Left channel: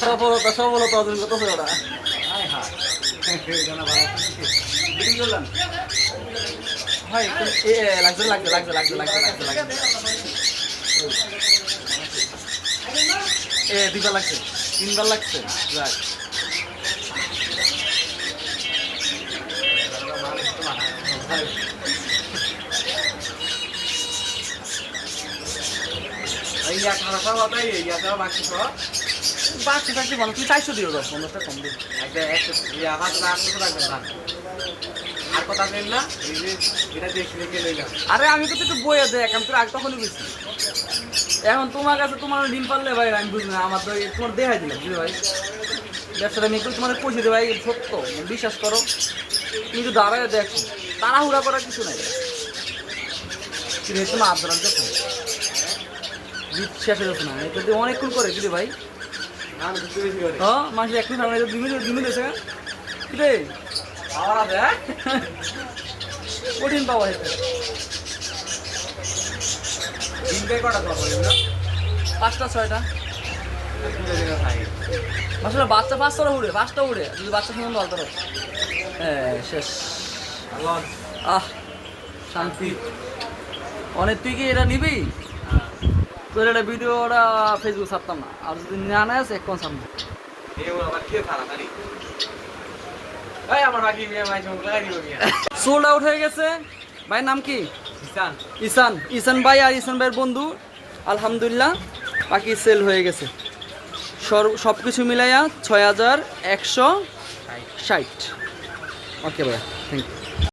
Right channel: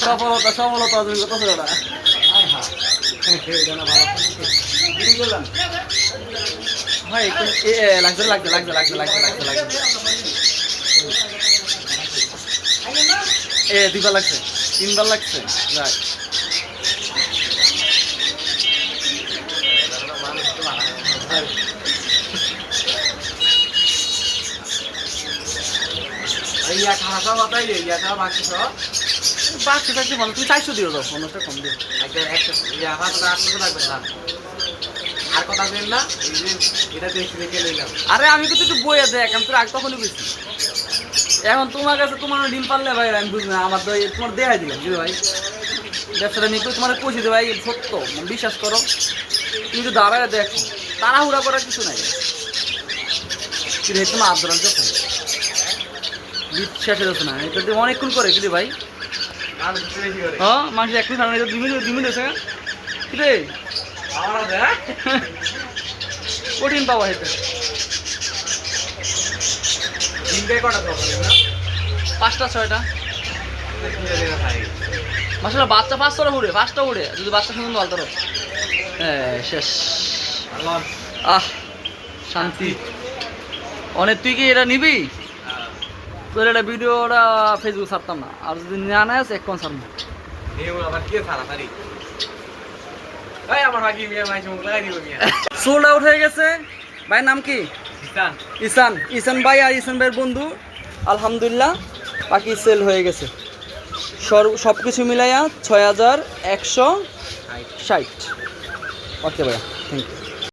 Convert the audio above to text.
সফলতা সফলতা অর্জন করতেছে ওরা। ভাই লাগছে লাগছে লাগছে লাগছে লাগছে লাগছে লাগছে দুইবার লাগছে, তিনবার লাগছে। রাইট, বাকি থাকতে মানে তুমি 400 দিও, 50টা কম দিও। আরে আমি তো একটু বইয়ে দেখ, আমি তোর আগে তখনই বুঝছি। এখন তোমার কাছে তোমার ডিম পারলে ভাই আমি বুঝি না, আমার তো তোমার দেখাই দিলাম বুঝলি ভাই, ব্যবসাটা নিয়ে তোমার কইছি দে ভাই, সত্য বিশ্বাস করো। কিন্তু দাঁড়ায় দেখো, তাড়াহুড়া করার কিছু নাই। কিন্তু তোমার আবদার দেখো শেষ হয়ে যাচ্ছে না, এটা দিয়ে অনেকক্ষণ করে বুঝলি ভাই। হ্যাঁ মাংস একটু খাওয়া ডিমি দিয়েছে রে, কঠিন পাওয়া হেঁটে 5টা 6টা মাসে বাচ্চা 5টা উড়ে, 5টা উড়ে যদি বাচ্চা কিনে ভালো। হ্যাঁ শেষ। শান্তি অনেক। তুই কি এটা নিবি? তোর একটা ভিডিওটা ফেসবুক ছাড়তাম না, আর যদি না নেস এখন ছাড়ব। সোল্ড আউট হয়ে গেছে। ভাইয়ের নাম কি? ইসান। ইসান ভাই আর ইসান ভাইয়ের বন্ধু আলহামদুলিল্লাহ বাকি সেল হয়ে গেছে। সব কিছু মিলাইয়া 6160। ওকে ভাইয়া, থ্যাংক ইউ।